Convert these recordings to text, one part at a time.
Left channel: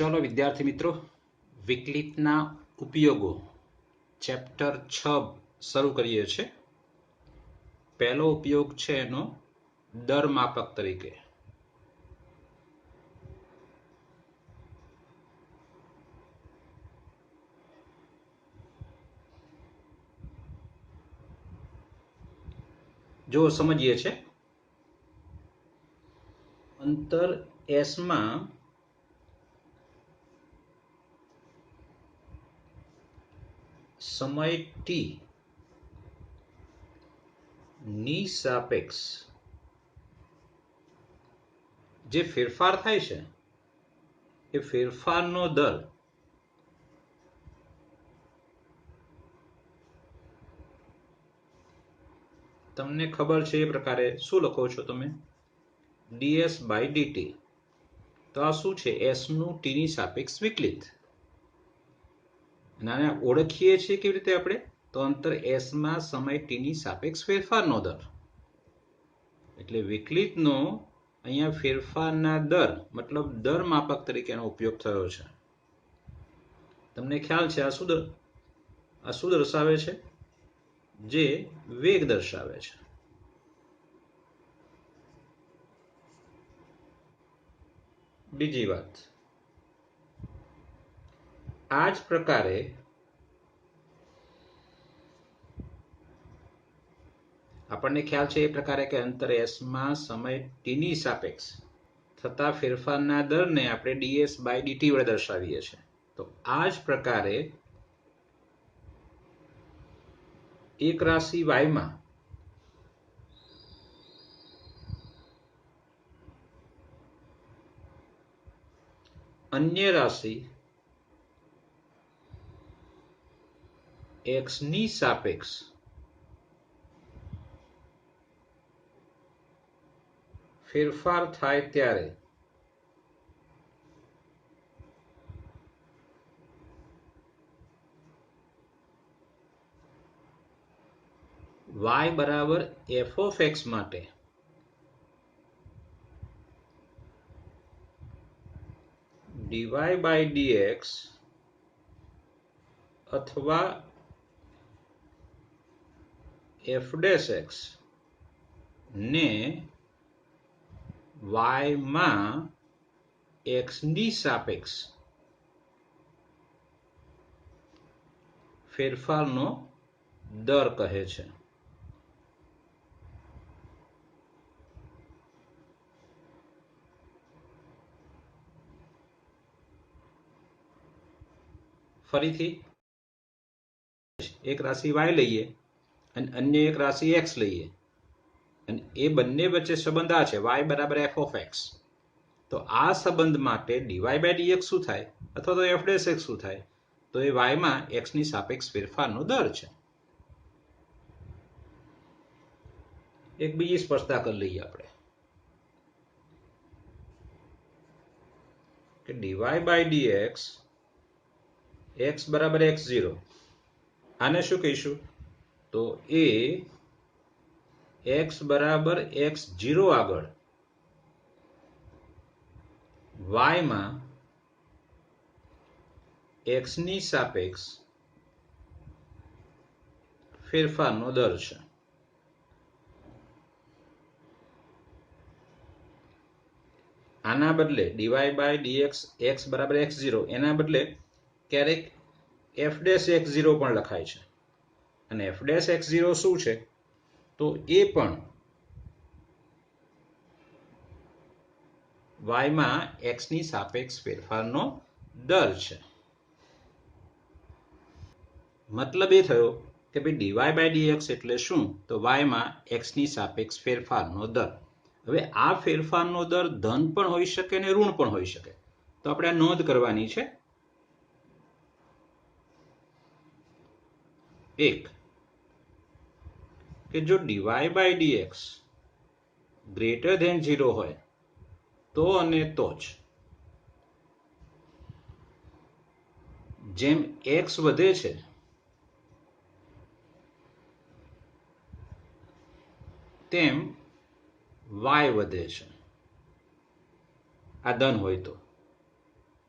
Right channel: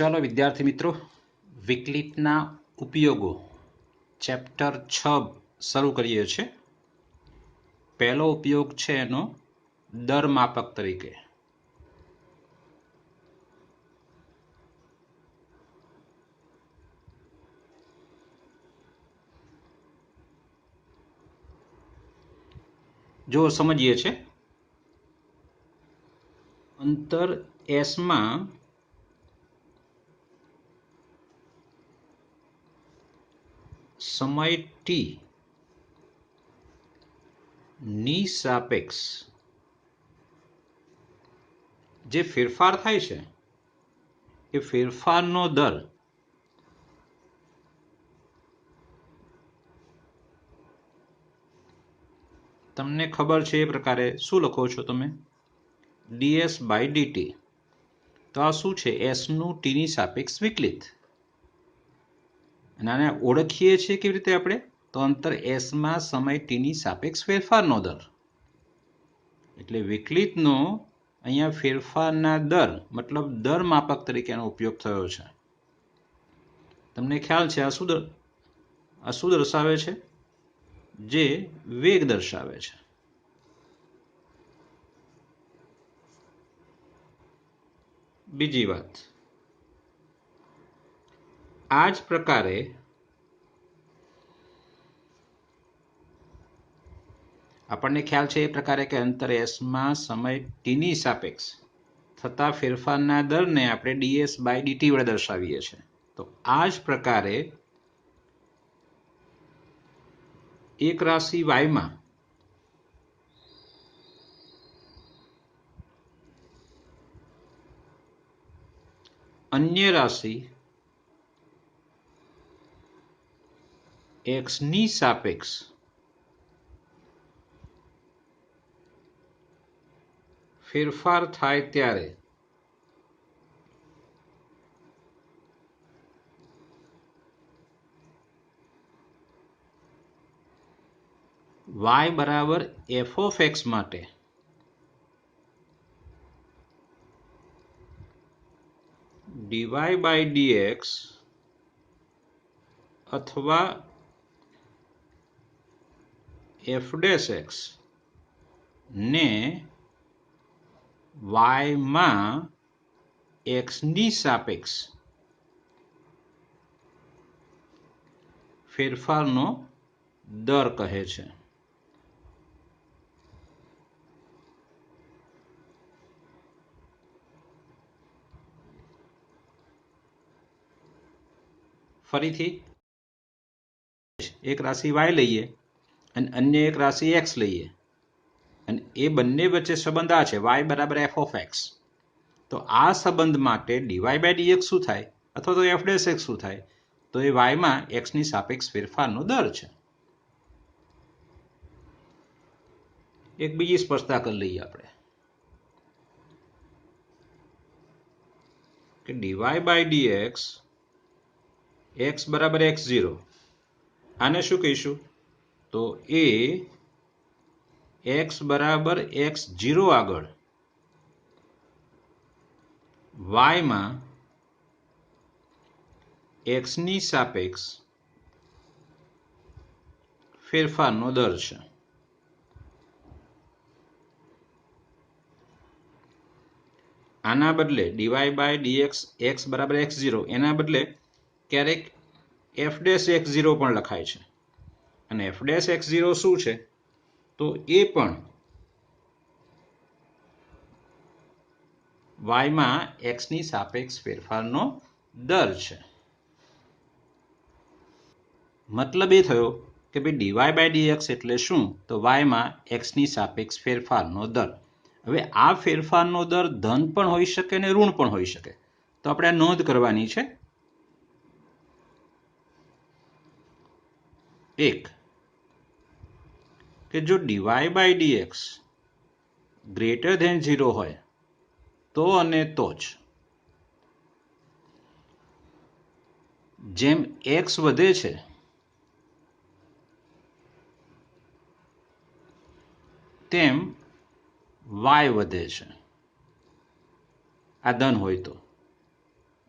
चलो विद्यार्थी मित्रों, विकलितना उपयोगो चैप्टर 6 શરૂ કરીએ છીએ। પહેલો ઉપયોગ છે એનો દર માપક તરીકે। જો સમજીએ છે, અંતર S માં समय t ની સાપેક્ષ જે ફેરફાર થાય છે એ ફેરફારનો દર તમને ખબર છે એ પ્રકારે શું લખો છો તમે? ds by dt। તો આ શું છે? s નું t ની સાપેક્ષ વિકલિત। અને આને ઓળખીએ છીએ કેવી રીતે આપણે? તો અંતર s માં સમય t ની સાપેક્ષ ફેરફારનો દર। એટલે વિકલિતનો અહીંયા ફેરફારના દર મતલબ દર માપક તરીકે એનો ઉપયોગ થયો છે। તમને ખ્યાલ છે આ શું દર્શાવે છે? જે વેગ દર્શાવે છે। બીજી વાત, આ જ પ્રકારે આપણને ખ્યાલ છે એ પ્રકારે કે અંતર s માં સમય t ની સાપેક્ષ થતા ફેરફારના દરને આપણે ds by dt વડે દર્શાવીએ છીએ। તો આ જ પ્રકારે એક રાશિ y માં અન્ય રાશિ x ની સાપેક્ષ ફેરફાર થાય ત્યારે y બરાબર f of x માટે dy by dx અથવા f dash x ને y માં x ની સાપેક્ષ ફેરફારનો દર કહે છે। ફરીથી એક રાશિ y લઈએ અને અન્ય એક રાશિ x લઈએ અને એ બંને વચ્ચે સંબંધ આ છે y બરાબર f of x। તો આ સંબંધ માટે dy by dx શું થાય અથવા તો f dash x શું થાય? તો એ y માં x ની સાપેક્ષ ફેરફારનો દર છે। એક બીજી સ્પષ્ટતા કરી લઈએ આપણે કે dy by dx x બરાબર x0, આને શું કહીશું? તો એ x બરાબર x0 આગળ y માં x ની સાપેક્ષ ફેરફારનો દર છે। આના બદલે dy by dx x બરાબર x0 એના બદલે ક્યારેક f dash x0 પણ લખાય છે। અને f dash x0 શું છે? તો એ પણ y માં x ની સાપેક્ષ ફેરફારનો દર છે। મતલબ એ થયો કે ભાઈ dy by dx એટલે શું? તો y માં x ની સાપેક્ષ ફેરફારનો દર। હવે આ ફેરફારનો દર ધન પણ હોઈ શકે અને ઋણ પણ હોઈ શકે। તો આપણે નોંધ કરવાની છે। એક કે જો dy by dx greater than 0 હોય તો અને તો જ જેમ x વધે છે તેમ y વધે છે। આ ધન હોય તો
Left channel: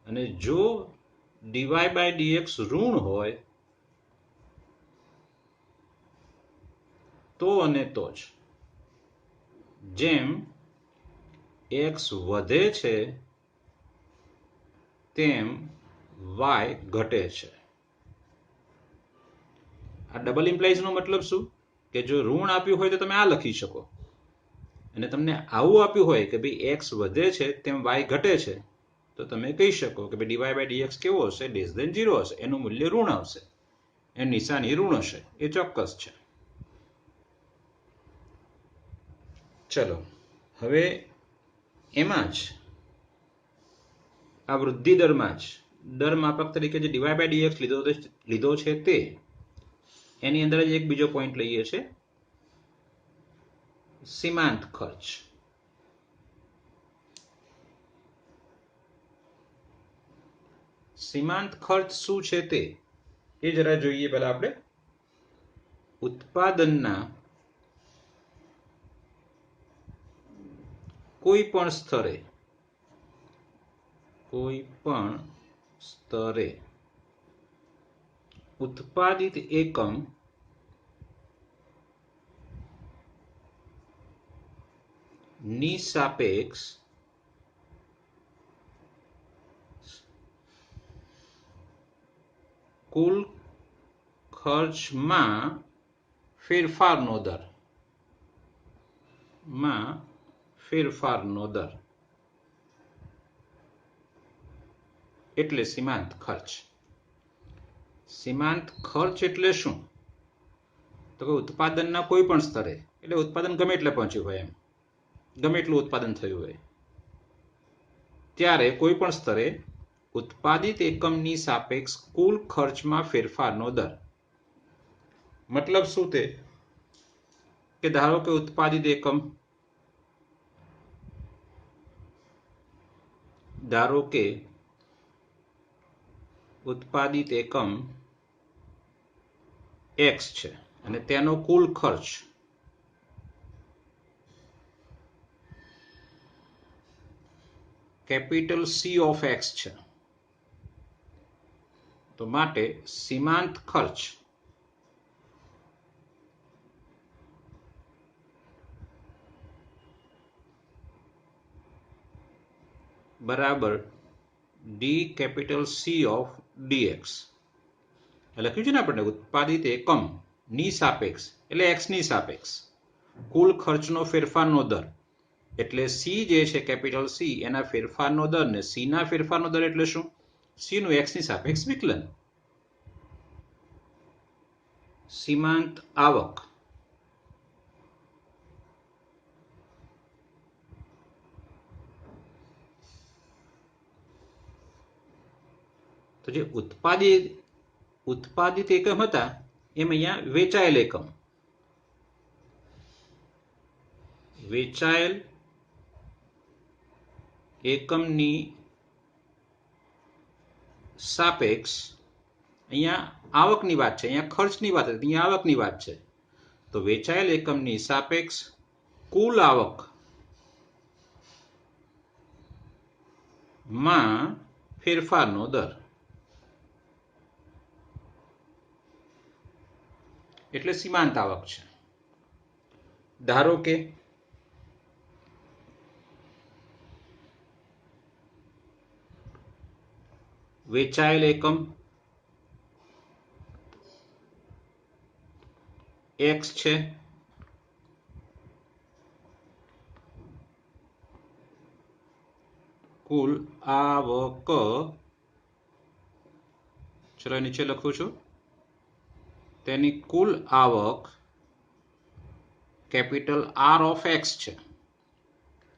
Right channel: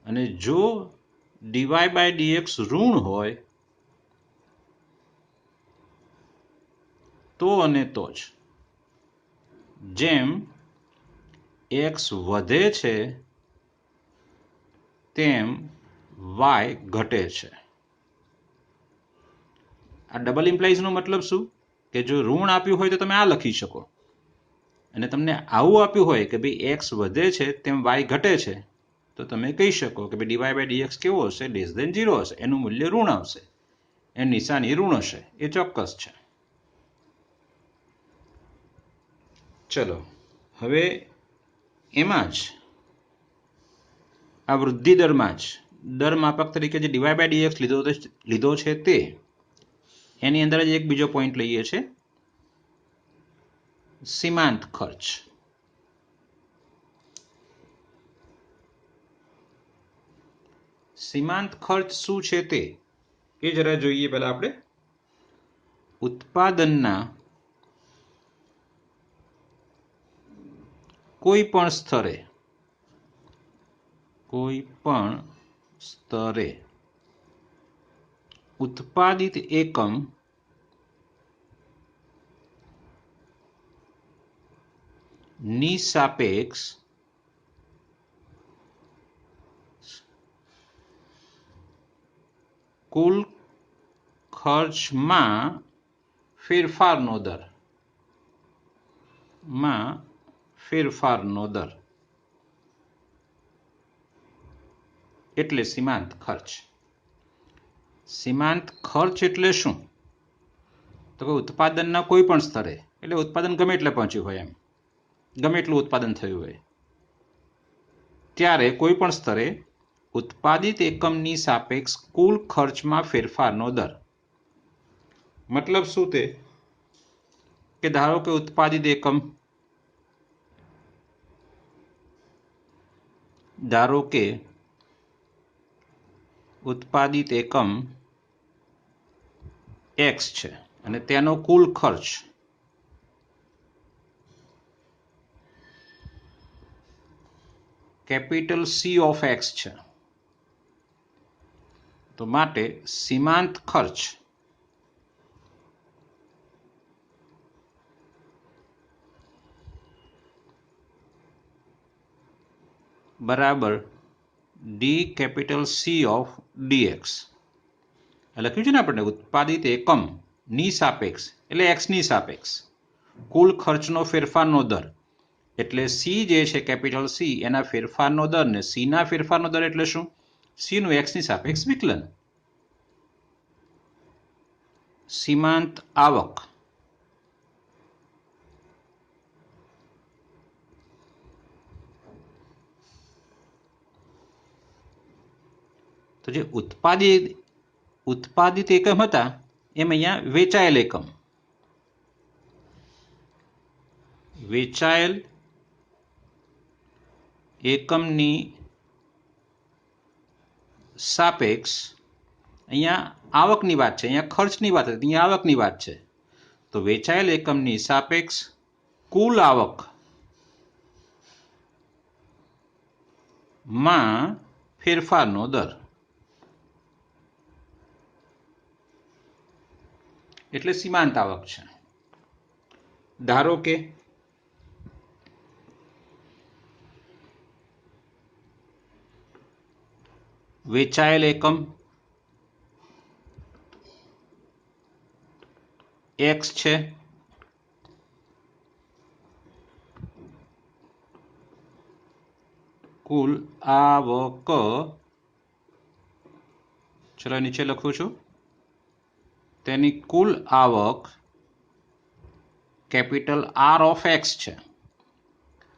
અને જો dy/dx ઋણ હોય તો અને તો જ જેમ x વધે છે તેમ y ઘટે છે. આ ડબલ ઇમ્પ્લાઇઝનો મતલબ શું કે જો ઋણ આપ્યું હોય તો તમે આ લખી શકો અને તમને આવું આપ્યું હોય કે ભાઈ x વધે છે તેમ y ઘટે છે તો તમે કહી શકો કે ભાઈ dy/dx કેવો હશે? <0 હશે, એનું મૂલ્ય ઋણ આવશે, એની નિશાની ઋણ હશે, એ ચોક્કસ છે. ચલો હવે એમાં જ આ વૃદ્ધિ દરમાં જ દર માપક તરીકે જે dy/dx લીધો છે તે એની અંદર જ એક બીજો પોઈન્ટ લઈએ છે, સીમાંત ખર્ચ. સીમાંત ખર્ચ શું છે તે એ જરા જોઈએ. પહેલા આપણે ઉત્પાદનના કોઈ પણ સ્તરે ઉત્પાદિત એકમ ની સાપેક્ષ કુલ ખર્ચમાં ફેરફારનો દર એટલે સીમાંત ખર્ચ. સીમાંત ખર્ચ એટલે શું? તો કે ઉત્પાદનના કોઈ પણ સ્તરે, એટલે ઉત્પાદન ગમે એટલે પહોંચ્યું હોય, એમ ગમે એટલું ઉત્પાદન થયું હોય ત્યારે કોઈ પણ સ્તરે ઉત્પાદિત એકમની સાપેક્ષ કુલ ખર્ચમાં ફેરફારનો દર. મતલબ શું તે કે ધારો કે ઉત્પાદિત એકમ x છે અને તેનો કુલ ખર્ચ કેપિટલ C of x છે. તો માટે સીમાંત ખર્ચ બરાબર D(C of dx. લખ્યું છે ને આપણે, ઉત્પાદિત એકમ ની સાપેક્ષ એટલે x ની સાપેક્ષ કુલ ખર્ચનો ફેરફારનો દર, એટલે C જે છે કેપિટલ C એના ફેરફારનો દર, ને C ના ફેરફારનો દર એટલે શું? C નું x ની સાપેક્ષ વિકલન. સીમાંત આવક તો જે ઉત્પાદિત એકમ હતા એમ અહીંયા વેચાયેલ એકમની સાપેક્ષ, અહીંયા આવકની વાત છે, અહીંયા ખર્ચની વાત હતી, અહીંયા આવકની વાત છે. તો વેચાયેલ એકમની સાપેક્ષ કુલ આવક માં ફેરફારનો દર એટલે સીમાંત આવક છે. ધારો કે વેચાયેલ એકમ x છે, કુલ આવક, ચલો નીચે લખું છું, તેની કુલ આવક કેપિટલ R of x છે.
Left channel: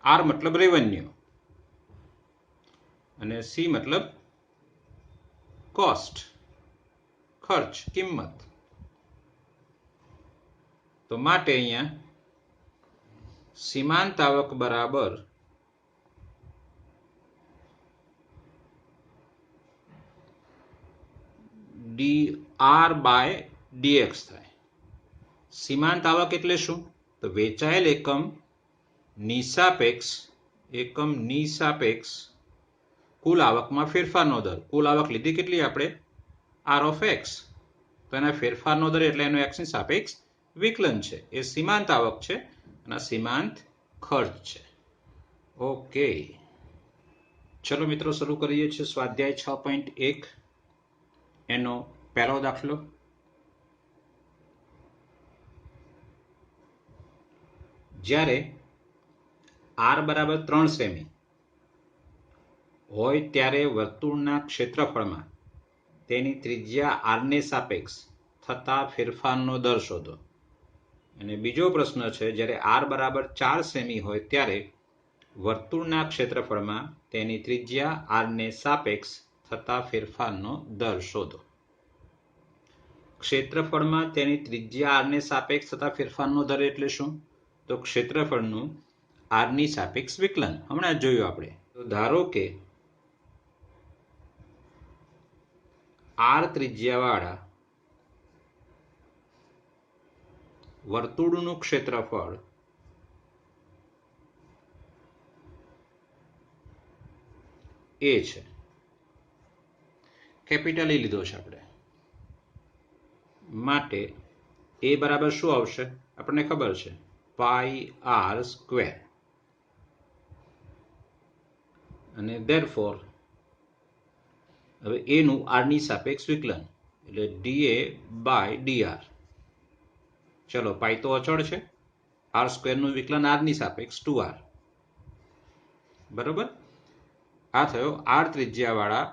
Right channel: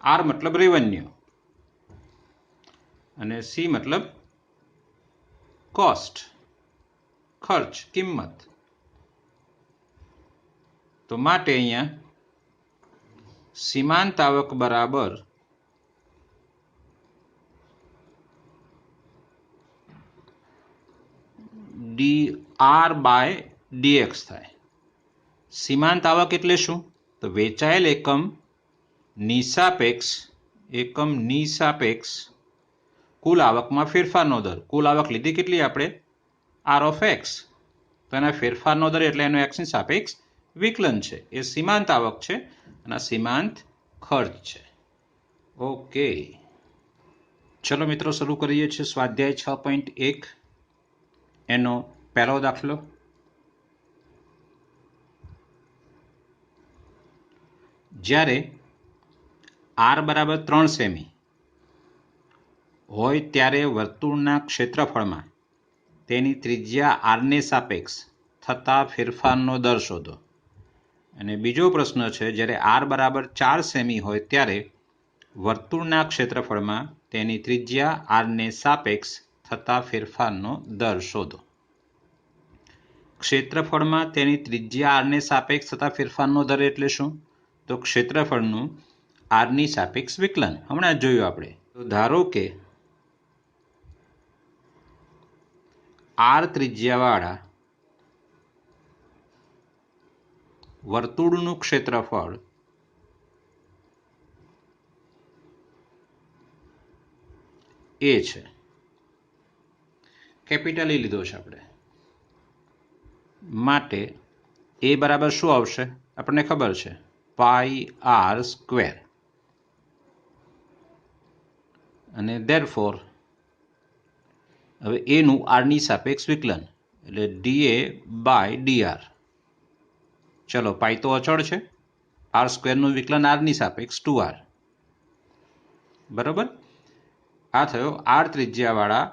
R મતલબ રેવન્યુ અને C મતલબ કોસ્ટ, ખર્ચ, કિંમત. તો માટે અહીંયા સીમાંત આવક બરાબર dr/dx થાય. સીમાંત આવક એટલે શું? તો વેચાયેલ એકમની સાપેક્ષ કુલ આવકમાં ફેરફારનો દર. કુલ આવક લીધી કેટલી આપણે? R of x. તો એના ફેરફારનો દર એટલે એનો એક્સની સાપેક્ષ વિકલન છે. એ સીમાંત આવક છે અને સીમાંત ખર્ચ છે. ઓકે, ચલો મિત્રો શરૂ કરીએ છીએ સ્વાધ્યાય 6.1 એનો પહેલો દાખલો. જ્યારે આર બરાબર 3 સેમી હોય ત્યારે વર્તુળના ક્ષેત્રફળમાં તેની ત્રિજ્યા આરને સાપેક્ષ થતા ફેરફારનો દર શોધો. અને બીજો પ્રશ્ન છે, જ્યારે આર બરાબર 4 સેમી હોય ત્યારે વર્તુળના ક્ષેત્રફળમાં તેની ત્રિજ્યા આરને સાપેક્ષ થતા ફેરફારનો દર શોધો. ક્ષેત્રફળમાં તેની ત્રિજ્યા આરને સાપેક્ષ થતા ફેરફારનો દર એટલે શું? તો ક્ષેત્રફળનું આરની સાપેક્ષ વિકલન. હમણાં જ જોયું આપણે. તો ધારો કે આર ત્રિજ્યાવાળા વર્તુળનું ક્ષેત્રફળ એ છે. કેપિટલ એ લીધો છે આપણે, માટે એ બરાબર શું આવશે? આપણને ખબર છે, પાઈ આર સ્ક્વેર. અને ધેરફોર હવે એનું આરની સાપેક્ષ વિકલન એટલે ડીએ બાય ડીઆર. ચલો, પાઈ તો અચળ છે, આર સ્ક્વેરનું વિકલન આરની સાપેક્ષ 2r. બરાબર. આ થયો આર ત્રિજ્યાવાળા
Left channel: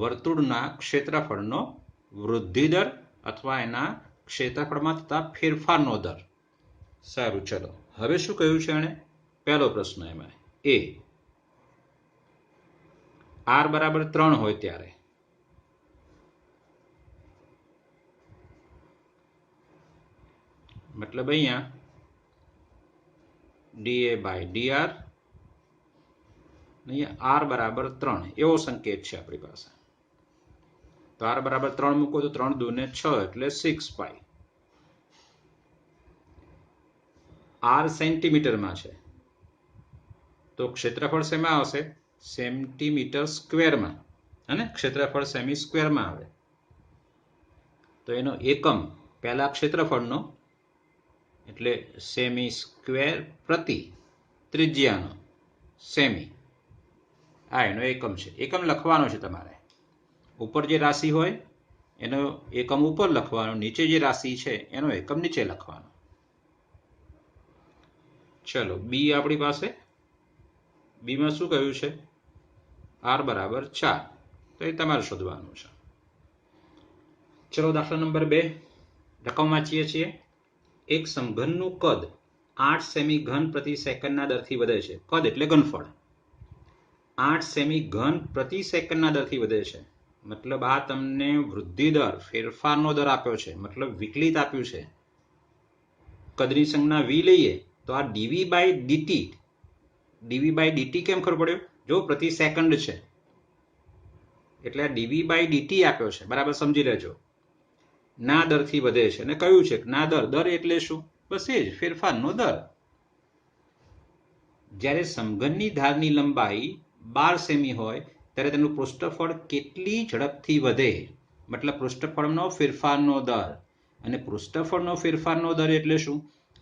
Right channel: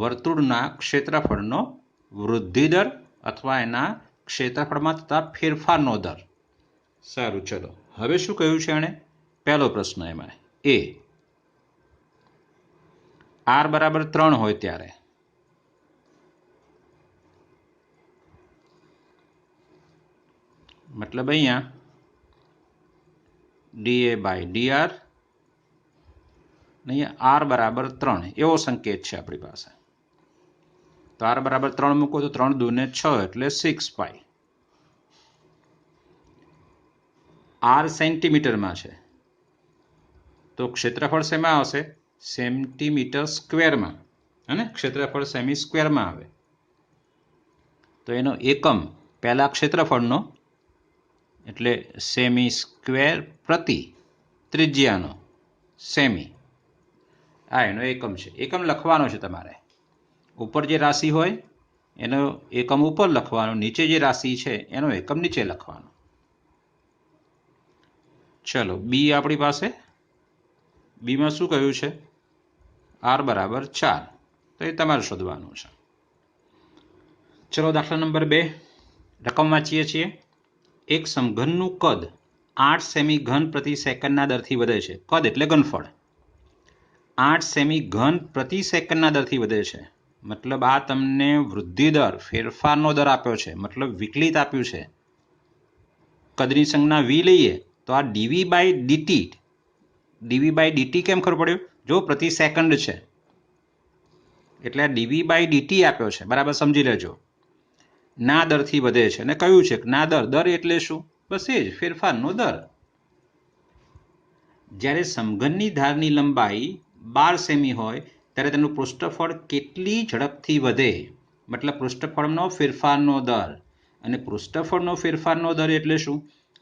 વર્તુળના ક્ષેત્રફળનો વૃદ્ધિ દર અથવા એના ક્ષેત્રફળમાં થતા ફેરફારનો દર. સારું, ચલો હવે શું કહ્યું છે એણે? પહેલો પ્રશ્ન એમાં એ આર બરાબર 3 હોય ત્યારે મતલબ અહીંયા ડીએ બાય ડીઆર, અહીંયા આર બરાબર 3 એવો સંકેત છે આપણી પાસે. તો આર બરાબર 3 મૂકો તો 3 દૂને 6 એટલે 6 પાઈ. આર સેન્ટીમીટરમાં છે તો ક્ષેત્રફળ શેમાં આવશે? સેન્ટીમીટર સ્ક્વેરમાં. અને ક્ષેત્રફળ સેમી સ્ક્વેરમાં આવે તો એનો એકમ પહેલા ક્ષેત્રફળનો એટલે સેમી સ્ક્વેર પ્રતિ ત્રિજ્યાનો સેમી, આ એનો એકમ છે. એકમ લખવાનો છે તમારે. ઉપર જે રાશિ હોય એનો એકમ ઉપર લખવાનો, નીચે જે રાશિ છે એનો એકમ નીચે લખવાનો. ચલો, બી આપણી પાસે. બીમાં શું કહ્યું છે? આર બરાબર 4. તો એ તમારે શોધવાનું છે. ચલો, દાખલા નંબર 2 રકમ વાંચીએ છીએ. એક સમઘનનું કદ 8 સેમી ઘન પ્રતિ સેકન્ડના દરથી વધે છે. કદ એટલે ઘનફળ. 8 સેમી ઘન પ્રતિ સેકન્ડના દરથી વધે છે. મતલબ આ તમને વૃદ્ધિ દર, ફેરફારનો દર આપ્યો છે, મતલબ વિકલિત આપ્યું છે. કદની સંજ્ઞા વી લઈએ તો આ dv by dt. Dv by dt કેમ ખબર પડ્યું? જો પ્રતિ સેકન્ડ છે એટલે આ ડીવી બાય ડીટી આપ્યો છે. બરાબર સમજી લેજો. ના દરથી વધે છે અને કયું છે ના દર. દર એટલે શું? બસ એ જ, ફેરફારનો દર. જ્યારે સમઘનની ધારની લંબાઈ 12 સેમી હોય ત્યારે તેનું પૃષ્ઠફળ કેટલી ઝડપથી વધે? મતલબ પૃષ્ઠફળનો ફેરફારનો દર. અને પૃષ્ઠફળનો ફેરફારનો દર એટલે શું?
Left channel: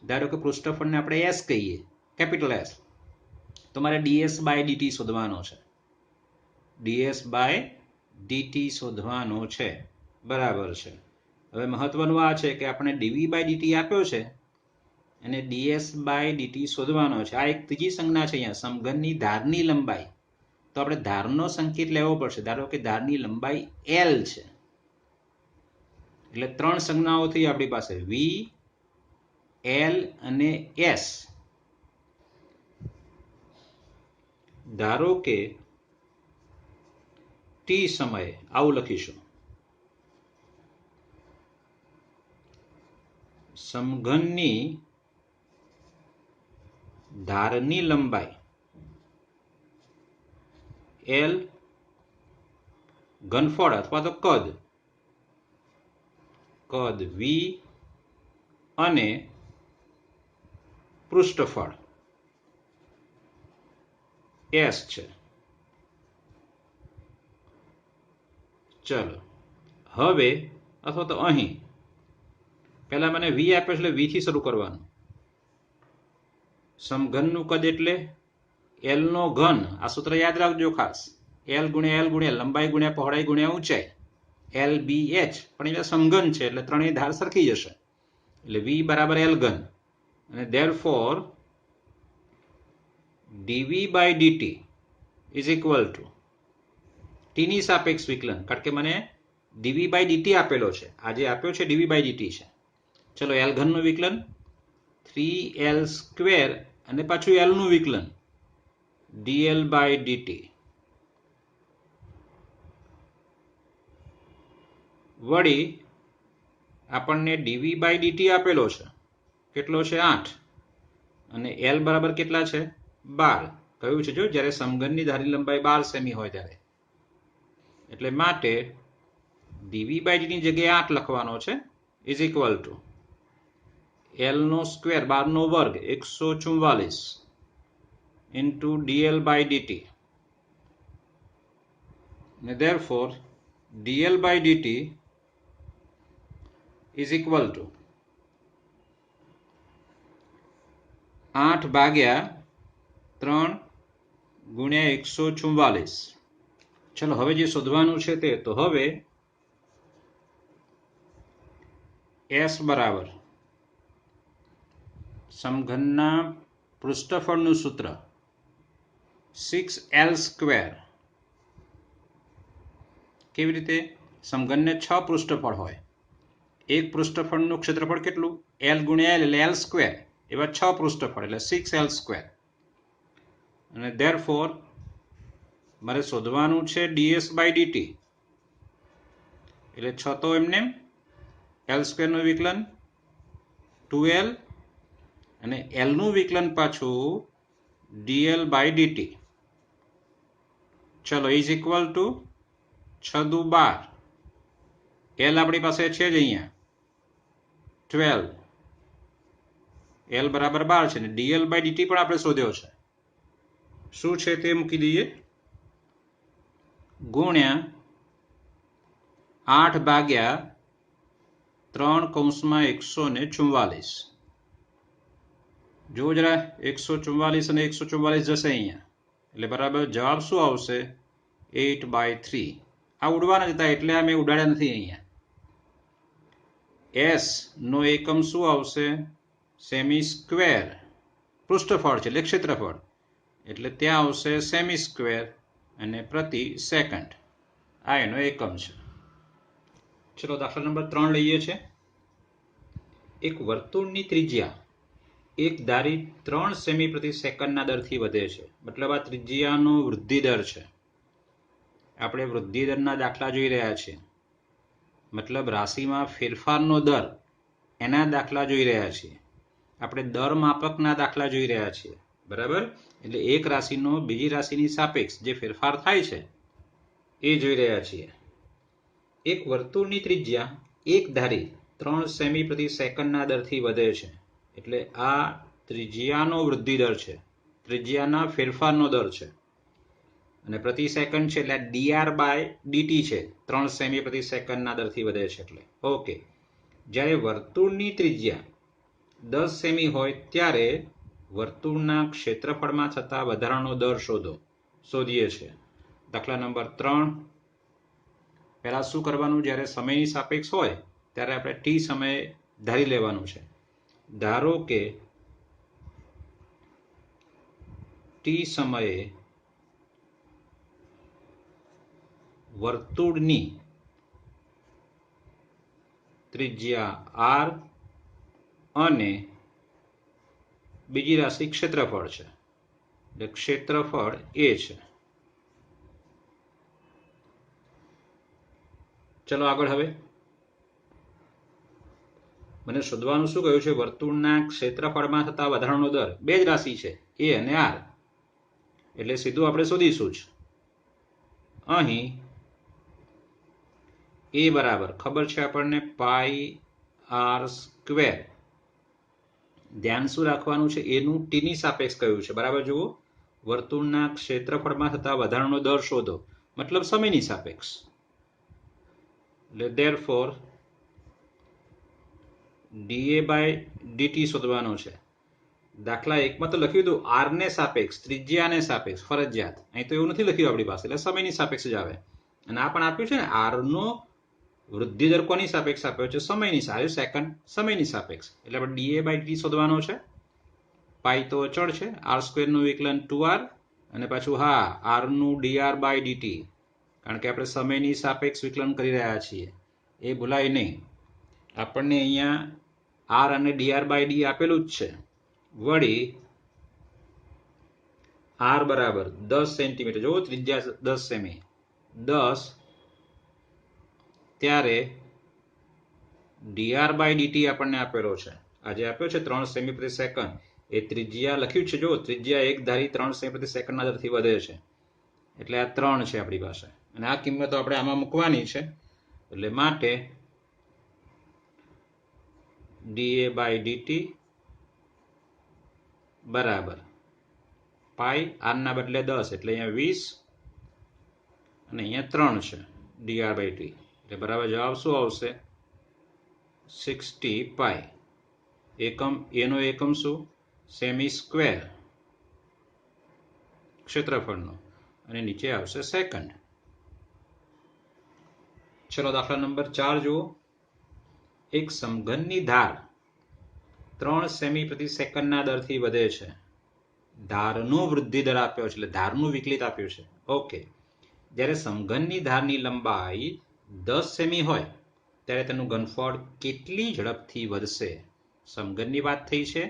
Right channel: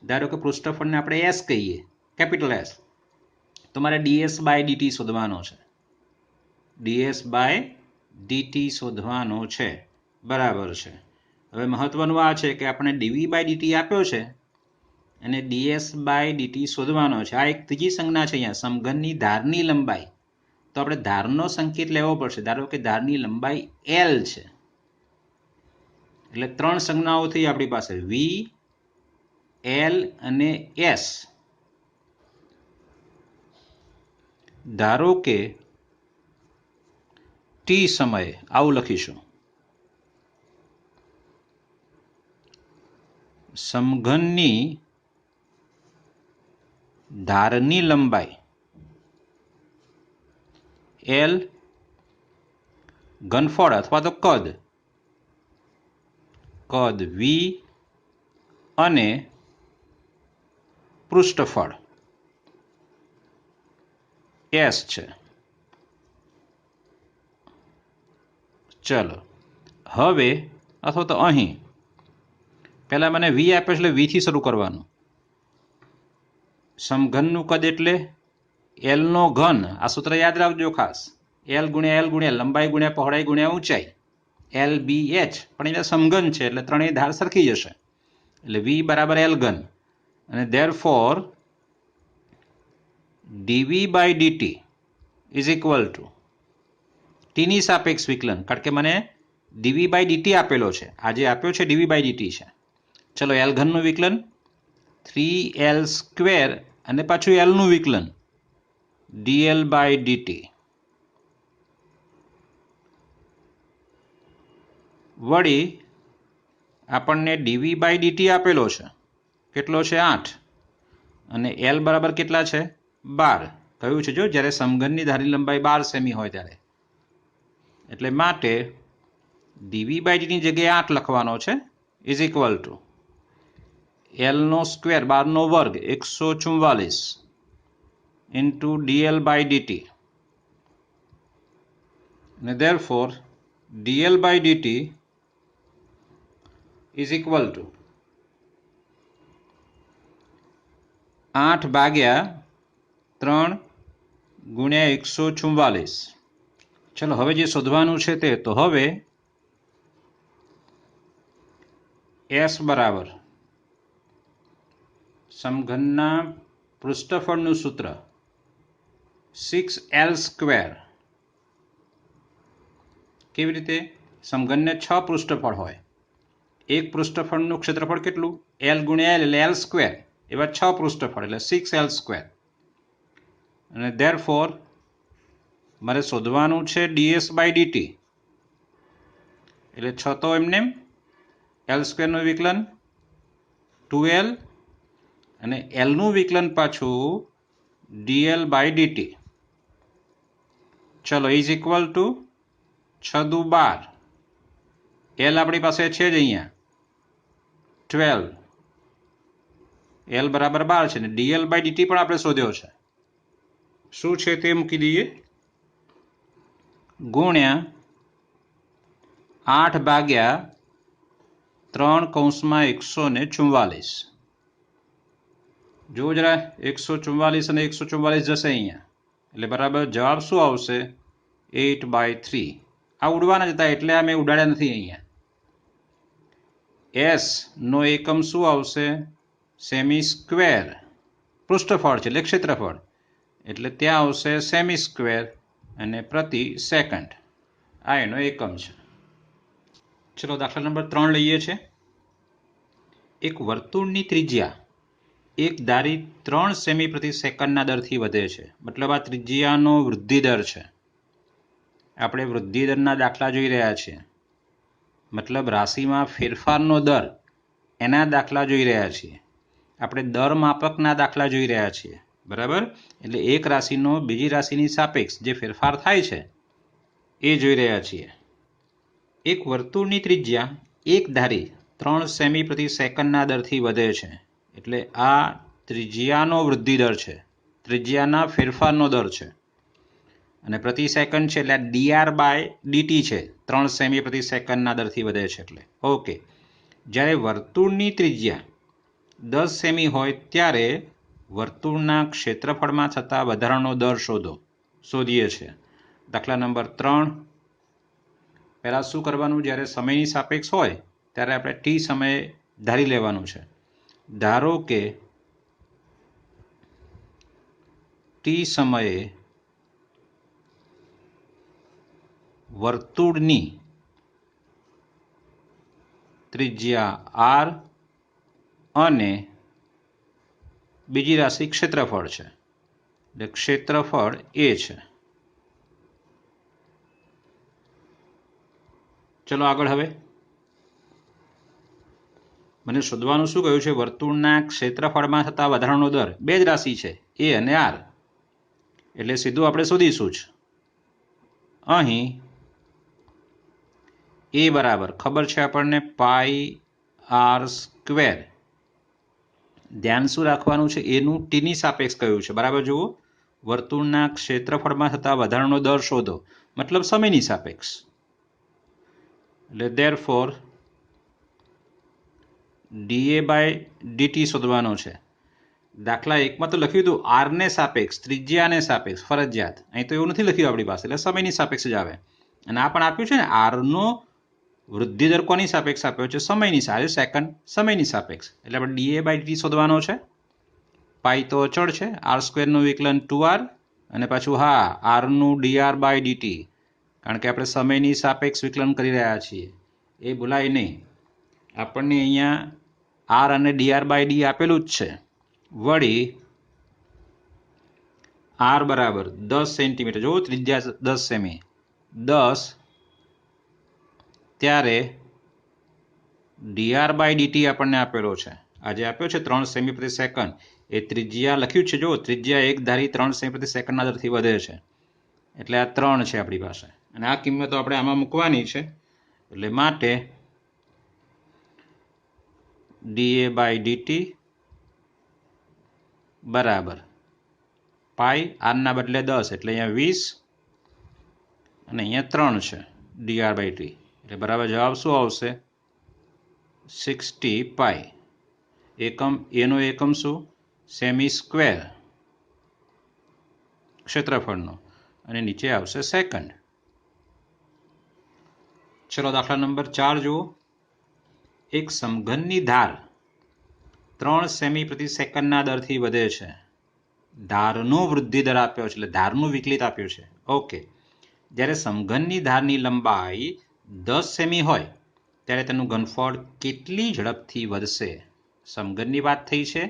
ધારો કે પૃષ્ઠફળને આપણે એસ કહીએ, કેપિટલ એસ. તો મારે ડીએસ બાય ડીટી શોધવાનો છે. ડીએસ બાય ડીટી શોધવાનો છે. બરાબર છે. હવે મહત્વનું આ છે કે આપણે ડીવી બાય ડીટી આપ્યો છે અને ડીએસ બાય ડીટી શોધવાનો છે. આ એક ત્રીજી સંજ્ઞા છે અહીંયા, સમઘનની ધારની લંબાઈ. તો આપણે ધારનો સંકેત લેવો પડશે. ધારો કે ધારની લંબાઈ એલ છે એટલે 3 સંજ્ઞાઓ થઈ આપણી પાસે, વી, એલ અને એસ. ધારો કે ટી સમયે આવું લખીશું, સમઘનની ધારની લંબાઈ એલ, ઘનફળ અથવા તો કદ વી અને પૃષ્ઠફળ એસ છે. ચલો હવે અથવા તો અહીં પહેલાં મને વી આપ્યો એટલે વીથી શરૂ કરવાનું. સમઘનનું કદ એટલે એલનો ઘન. આ સૂત્ર યાદ રાખજો ખાસ. એલ ગુણ્યા લંબાઈ ગુણ્યા પહોળાઈ ગુણ્યા ઊંચાઈ, એલ બી એચ. પણ અહીંયા સમઘન છે એટલે ત્રણેય ધાર સરખી જશે, એટલે વી બરાબર એલ ઘન. અને therefore dv by dt is equal to ટીની સાપેક્ષ વિકલન, કારણ કે મને ડીવી બાય ડીટી આપેલો છે. આ જે આપ્યો છે ડીવી બાય ડીટી છે. ચલો એલ ઘનનું વિકલન 3l સ્ક્વેર અને પાછું એલનું વિકલન dl બાય dt વળી આપણને dv બાય dt આપેલો છે. કેટલો છે? 8. અને l બરાબર કેટલા છે? 12. કહ્યું છે જો જ્યારે સમઘનની ધારી લંબાઈ 12 સેમી હોય ત્યારે. એટલે માટે dv બાય dt ની જગ્યાએ 8 લખવાનો છે ઇઝ ઇક્વલ ટુ l નો સ્ક્વેર 12 નો વર્ગ 144 into dl by dt. And therefore dl by dt is equal to 8 ભાગ્યા 3 ગુણ્યા 144. ચલો હવે જે શોધવાનું છે તે તો હવે s બરાબર સમઘનના પૃષ્ઠફળનું સૂત્ર 6l સ્ક્વેર. કેવી રીતે? સમઘનને 6 પૃષ્ઠફળ હોય. એક પૃષ્ઠફળનું ક્ષેત્રફળ કેટલું? l ગુણ્યા l એટલે l સ્ક્વેર. એવા 6 પૃષ્ઠફળ એટલે 6l સ્ક્વેર. અને ધેરફોર મારે શોધવાનું છે ds બાય dt. એટલે 6 તો એમને l સ્ક્વેરનું વિકલન 2l અને l નું વિકલન પાછું dl બાય dt. ચલો ઇઝ ઇક્વલ ટુ 6 દુ 12. l આપણી પાસે છે જ અહીંયા 12. l બરાબર 12 છે ને dl બાય dt પણ આપણે શોધ્યો છે. શું છે તે મૂકી દઈએ. ગુણ્યા 8 ભાગ્યા 3 કૌંસમાં 144. જો જરા 144 અને 144 જશે અહીંયા, એટલે બરાબર જવાબ શું આવશે? 8/3. આ ઉડવાના જતા એટલે આ મેં ઉડાડ્યા નથી અહીંયા. એસ નો એકમ શું આવશે? Semi square. પૃષ્ઠફળ છે એટલે ક્ષેત્રફળ, એટલે ત્યાં આવશે સેમી સ્ક્વેર અને પ્રતિ સેકન્ડ. આ એનો એકમ છે. ચલો દાખલા નંબર 3 લઈએ છે. એક વર્તુળની ત્રિજ્યા એક ધારી 3 સેમી પ્રતિ સેકન્ડના દરથી વધે છે. મતલબ આ ત્રિજ્યાનો વૃદ્ધિ દર છે. આપણે વૃદ્ધિ દરના દાખલા જોઈ રહ્યા છીએ. મતલબ રાશિમાં ફેરફારનો દર, એના દાખલા જોઈ રહ્યા છીએ. આપણે દર માપકના દાખલા જોઈ રહ્યા છીએ. બરાબર? એટલે એક રાશિનો બીજી રાશિની સાપેક્ષ જે ફેરફાર થાય છે એ જોઈ રહ્યા છીએ. એક વર્તુળની ત્રિજ્યા એક ધારી 3 સેમી પ્રતિ સેકન્ડના દરથી વધે છે. એટલે આ ત્રિજ્યાનો વૃદ્ધિ દર છે, ત્રિજ્યાના ફેરફારનો દર છે. અને પ્રતિ સેકન્ડ છે એટલે dr બાય dt છે. 3 સેમી પ્રતિ સેકન્ડના દરથી વધે છે એટલે. ઓકે. જ્યારે વર્તુળની ત્રિજ્યા 10 સેમી હોય ત્યારે વર્તુળના ક્ષેત્રફળમાં થતા વધારાનો દર શોધીએ છીએ. દાખલા નંબર 3. પહેલાં શું કરવાનું? જ્યારે સમયની સાપેક્ષ હોય ત્યારે આપણે t સમયે ધારી લેવાનું છે. ધારો કે t સમયે વર્તુળની ત્રિજ્યા r અને બીજી રાશિ ક્ષેત્રફળ છે, એટલે ક્ષેત્રફળ a છે. ચલો આગળ. હવે મને શોધવાનું શું કહ્યું છે? વર્તુળના ક્ષેત્રફળમાં થતા વધારાનો દર. બે જ રાશિ છે a અને r, એટલે સીધું આપણે શોધીશું જ. અહીં a બરાબર ખબર છે આપણને πr સ્ક્વેર. ધ્યાન શું રાખવાનું છે? એનું ટીની સાપેક્ષ કયું છે. બરાબર જુઓ, વર્તુળના ક્ષેત્રફળમાં થતા વધારાનો દર શોધો, મતલબ સમયની સાપેક્ષ. એટલે therefore dA બાય dt શોધવાનો છે. દાખલા એકમાં તો લખ્યું હતું આર ને સાપેક્ષ, ત્રિજ્યાને સાપેક્ષ ફરજિયાત. અહીં તો એવું નથી લખ્યું આપણી પાસે, એટલે સમયની સાપેક્ષ જ આવે. અને આ પણ આપ્યું છે ને આરનો વૃદ્ધિ દર કોની સાપેક્ષ આપ્યો છે? સમયની સાથે, સેકન્ડ સમયની સાપેક્ષ. એટલે આપણે dA બાય dt શોધવાનો છે. પાઈ તો અચળ છે, આર સ્ક્વેરનું વિકલન 2r અને પાછું હા આરનું dr બાય dt, કારણ કે આપણે સમયની સાપેક્ષ વિકલન કરી રહ્યા છીએ, એ ભૂલાય નહીં. આપણને અહીંયા આર અને dr બાય ડી આપેલું જ છે. વળી આર બરાબર 10 સેન્ટીમીટર, જો ત્રિજ્યા 10 સેમી, 10 ત્યારે dr બાય dt આપણને આપેલો છે. આજે આપ્યો છે 3 સેમી પ્રતિ સેકન્ડ. એ ત્રિજ્યા લખ્યું છે, જો ત્રિજ્યા એક ધારી 3 સેમી પ્રતિ સેકન્ડના દરથી વધે છે, એટલે આ 3 છે આપણી પાસે. અને આ કિંમતો આપણે આમાં મૂકવાની છે. એટલે માટે dA બાય dt બરાબર પાઈ આરના બદલે 10, એટલે અહીંયા 20 અને અહીંયા 3 છે dr બાય ટી, એટલે બરાબર જવાબ શું આવશે? 60 પાઈ. એકમ એનો એકમ શું? સેમી સ્ક્વેર ક્ષેત્રફળનો, અને નીચે આવશે સેકન્ડ. ચલો દાખલા નંબર 4 જુઓ. એક સમઘનની ધાર 3 સેમી પ્રતિ સેકન્ડના દરથી વધે છે. ધારનો વૃદ્ધિ દર આપ્યો છે, એટલે ધારનું વિકલિત આપ્યું છે. ઓકે, જ્યારે સમઘનની ધારની લંબાઈ 10 સેમી હોય ત્યારે તેનું ઘનફળ કેટલી ઝડપથી વધશે? સમઘનની વાત થઈ છે,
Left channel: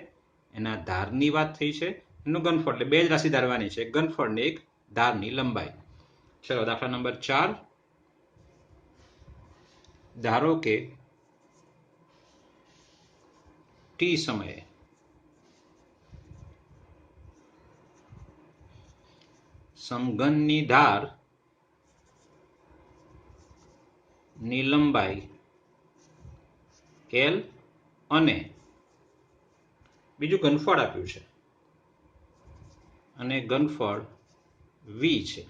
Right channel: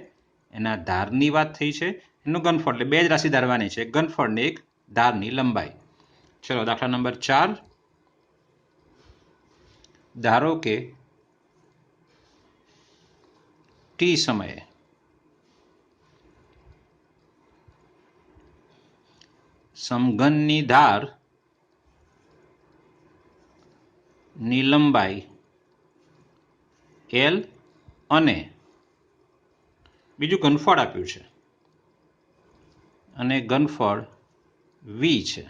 એના ધારની વાત થઈ છે, એનું ઘનફળ, એટલે બે જ રાશિ ધારવાની છે, એક ઘનફળ ને એક ધારની લંબાઈ. ચલો દાખલા નંબર 4. ધારો કે ટી સમયે સમઘનની ધાર ની લંબાઈ L અને બીજું ઘનફળ આપ્યું છે, અને ઘનફળ V છે.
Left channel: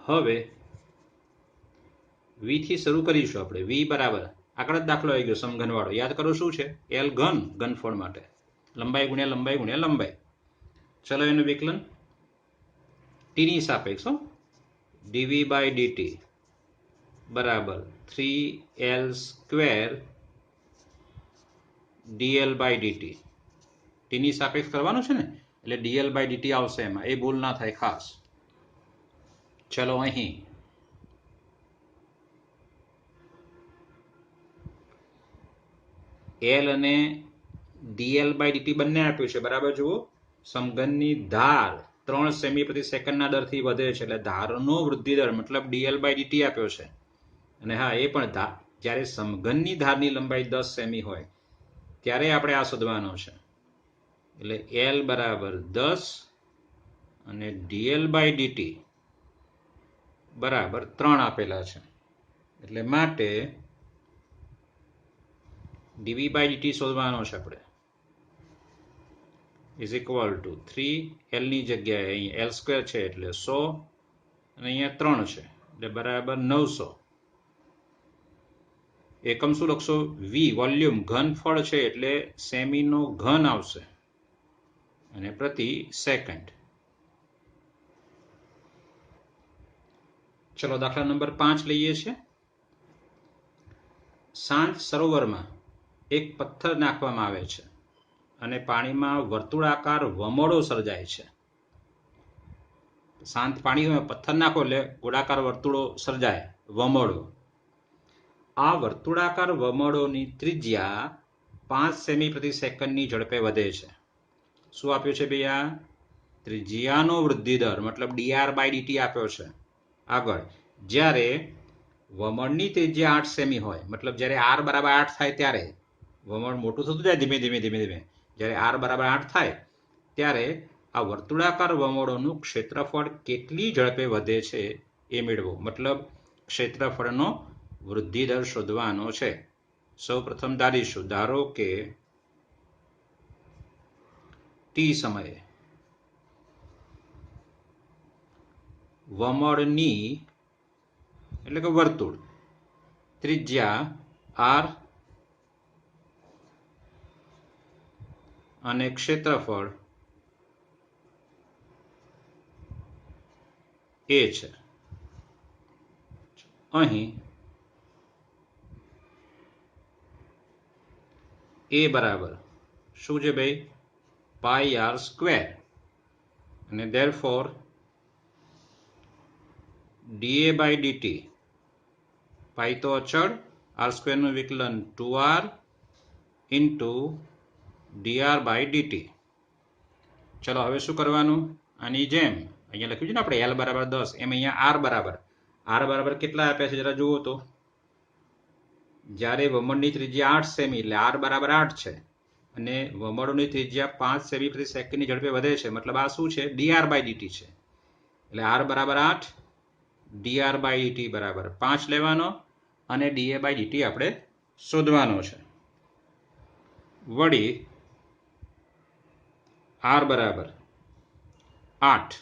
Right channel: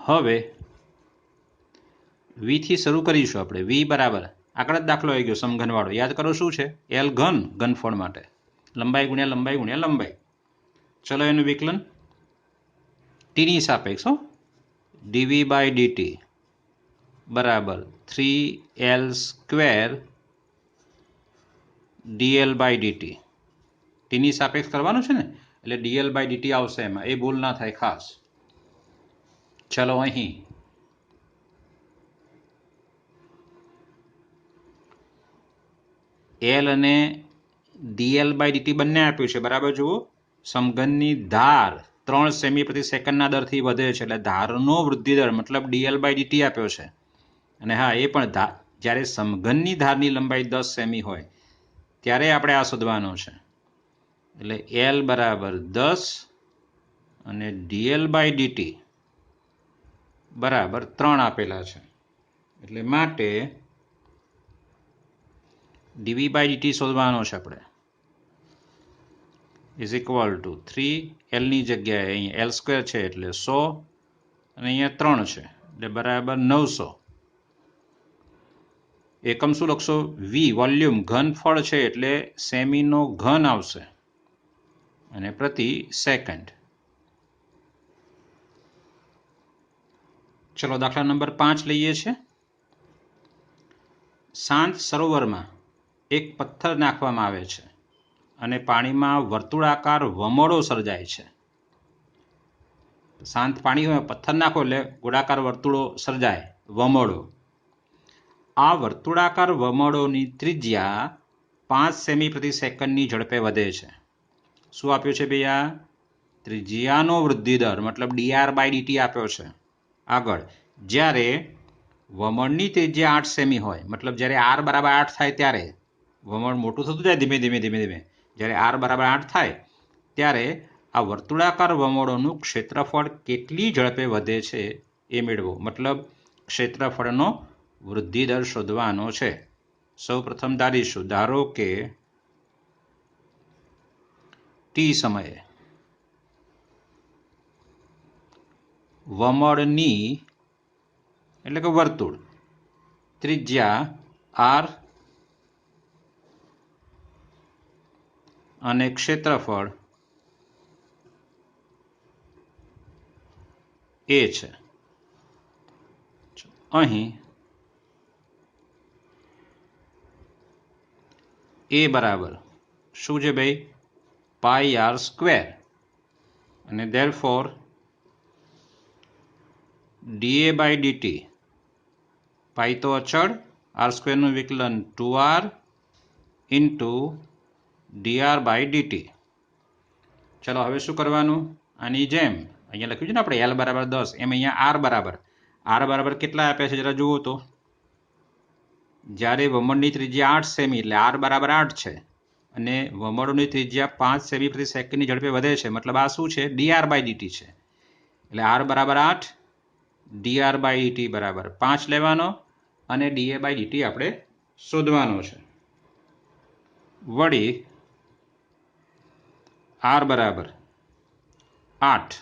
હવે V થી શરૂ કરીશું આપણે. V બરાબર આગળ જ દાખલો આવી ગયો સમઘન વાળો, યાદ કરો શું છે? L ઘન, ઘનફળ માટે લંબાઈ ગુણ્યા લંબાઈ ગુણ્યા લંબાઈ. ચલો એનું વિકલન ટીની સાપેક્ષ, dV બાય dt બરાબર 3L square dl by dt. ટીની સાપેક્ષ કરવાનું છે ને, એટલે dl બાય dt આવશે એમાં, એ ભૂલ ના થાય ખાસ. ચલો અહીં L અને dl બાય dt બંને આપ્યું છે, બરાબર જુઓ. સમઘનની ધાર 3 સેમી પ્રતિ સેકન્ડના દરથી વધે છે, એટલે ધારનો વૃદ્ધિ દર મતલબ dl બાય dt આપ્યો છે. અને હા, એ પણ જ્યારે સમઘનની ધારની લંબાઈ 10 સેમી હોય ત્યારે આપણે આ શોધવાનો છે. એટલે L બરાબર 10 અને dl બાય dt બરાબર 3 આપેલા છે. એટલે માટે dV બાય dt શોધવાનો છે આપણે, ઇઝ ઇક્વલ ટુ 3L ની જગ્યાએ અહીંયા L સ્ક્વેર છે એટલે 100 અને અહીંયા 3 છે એટલે બરાબર 900. એકમ શું લખશો? V વોલ્યુમ, ઘનફળ છે એટલે સેમીનો ઘન આવશે, અને પ્રતિ સેકન્ડ. ચલો દાખલા નંબર 5 લઈએ છીએ. શાંત સરોવરમાં એક પથ્થર નાખવામાં આવે છે અને પાણીમાં વર્તુળાકાર વમળો સર્જાય છે. શાંત પાણીમાં પથ્થર નાખો એટલે ગોળાકાર વર્તુળો સર્જાય, વમળો. આ વર્તુળાકાર વમળોની ત્રિજ્યા 5 સેમી પ્રતિ સેકન્ડની ઝડપે વધે છે. શું આપ્યું છે ભૈયા? ત્રિજ્યાનો વૃદ્ધિ દર મતલબ dr બાય dt આપ્યો છે. આગળ જ્યારે વમળની ત્રિજ્યા 8 સેમી હોય, મતલબ જ્યારે r બરાબર 8 થાય ત્યારે વમળ મોટું થતું જાય ધીમે ધીમે ધીમે ધીમે. જ્યારે r બરાબર 8 થાય ત્યારે આ વર્તુળાકાર વમળોનું ક્ષેત્રફળ કેટલી ઝડપે વધે છે એ મેળવો, મતલબ ક્ષેત્રફળનો વૃદ્ધિ દર શોધવાનો છે. સૌ પ્રથમ ધારીશું, ધારો કે ટી સમયે વમળની એટલે કે વર્તુળ ત્રિજ્યા r અને ક્ષેત્રફળ a છે. અહીં a બરાબર શું છે ભાઈ? પાઈ r સ્ક્વેર, અને therefore dA by dt, પાઈ તો અચળ, r સ્ક્વેરનું વિકલન 2r into dr by dt. ચલો હવે શું કરવાનું? આની જેમ અહીંયા લખ્યું છે ને આપણે l બરાબર 10, એમ અહીંયા r બરાબર કેટલા આપ્યા છે જરા જુઓ તો. જ્યારે વમળની ત્રિજ્યા 8 સેમી એટલે r બરાબર 8 છે, અને વમળોની ત્રિજ્યા 5 સેમી પ્રતિ સેકન્ડની ઝડપે વધે છે, મતલબ આ શું છે? dr by dt છે. એટલે r બરાબર 8, dr by dt બરાબર 5 લેવાનો, અને dA by dt આપણે શોધવાનો છે. વળી r બરાબર 8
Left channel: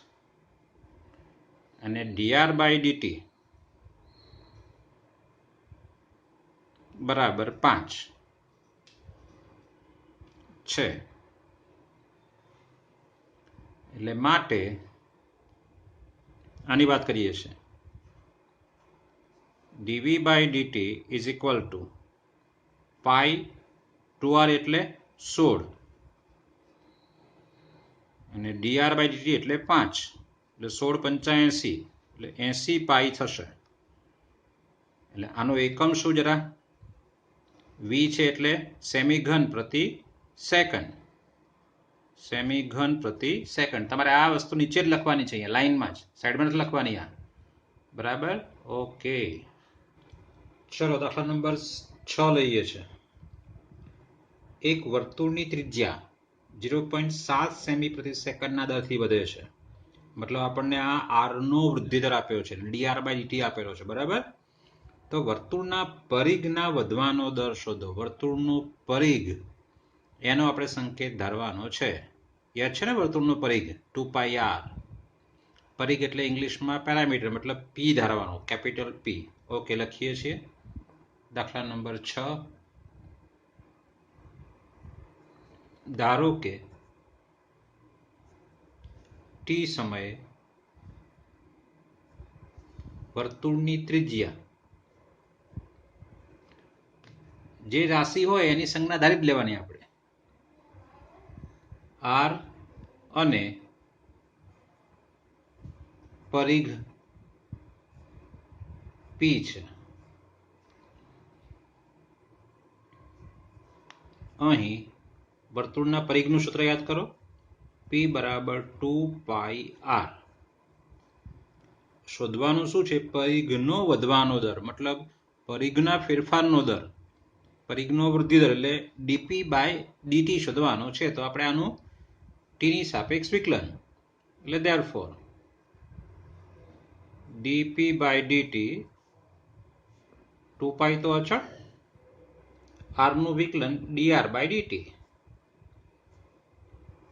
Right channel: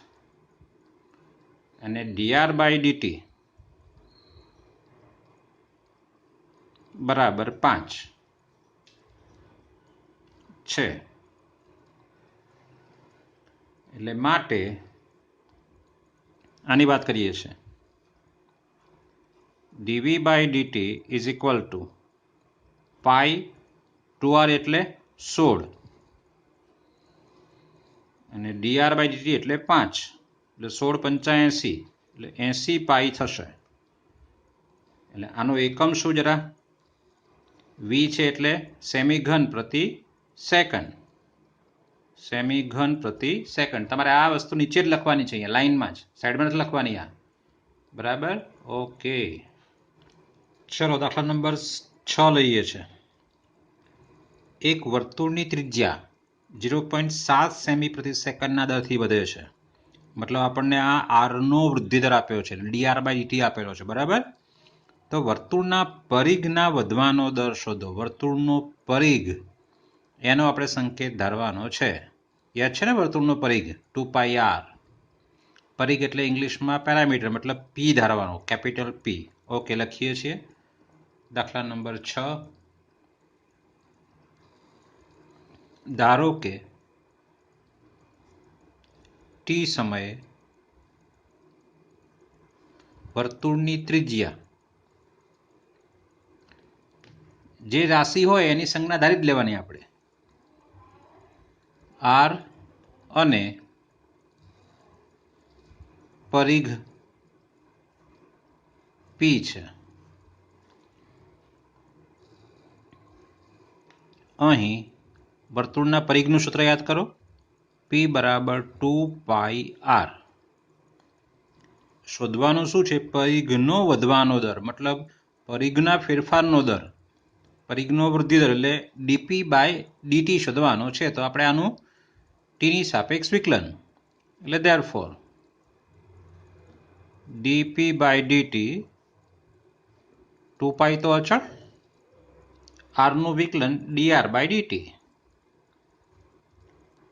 અને dr by dt બરાબર 5 છે. એટલે માટે આની વાત કરીએ છીએ, dv by dt is equal to pi 2r એટલે 16, અને dr by dt એટલે 5, એટલે 16 × 85 એટલે 80 પાઈ થશે. એટલે આનો એકમ શું જરા? v છે એટલે સેમી ઘન પ્રતિ સેકન્ડ. સેમી ઘન પ્રતિ સેકન્ડ. તમારે આ વસ્તુ નીચે જ લખવાની છે, અહીંયા લાઈનમાં જ, સાઈડમાં નથી લખવાની આ. બરાબર? ઓકે. ચલો દાખલા નંબર 6 લઈએ છે. એક વર્તુળની ત્રિજ્યા 0.7 સેમી પ્રતિ સેકન્ડના દરથી વધે છે. મતલબ આપણને આ r નો વૃદ્ધિ દર આપ્યો છે, dr by dt આપેલો છે. બરાબર? તો વર્તુળના પરિઘના વધવાનો દર શોધો. વર્તુળનો પરિઘ, એનો આપણે સંકેત ધારવાનો છે. યાદ છે ને વર્તુળનો પરિઘ? 2πr. પરિઘ એટલે ઇંગ્લિશમાં પેરામીટર, મતલબ p ધારવાનો, કેપિટલ P. ઓકે, લખીએ છીએ. દાખલા નંબર 6. ધારો કે t સમયે વર્તુળની ત્રિજ્યા, જે રાશિ હોય એની સંજ્ઞા ધારી જ લેવાની આપણે, r અને પરિઘ p છે. અહીં વર્તુળના પરિઘનું સૂત્ર યાદ કરો, p બરાબર 2πr. શોધવાનું શું છે? પરિઘનો વધવાનો દર, મતલબ પરિઘના ફેરફારનો દર, પરિઘનો વૃદ્ધિ દર, એટલે dp by dt શોધવાનો છે. તો આપણે આનું t ની સાપેક્ષ વિકલન, એટલે therefore dp by dt, 2π તો અચળ, r નું વિકલન dr by dt,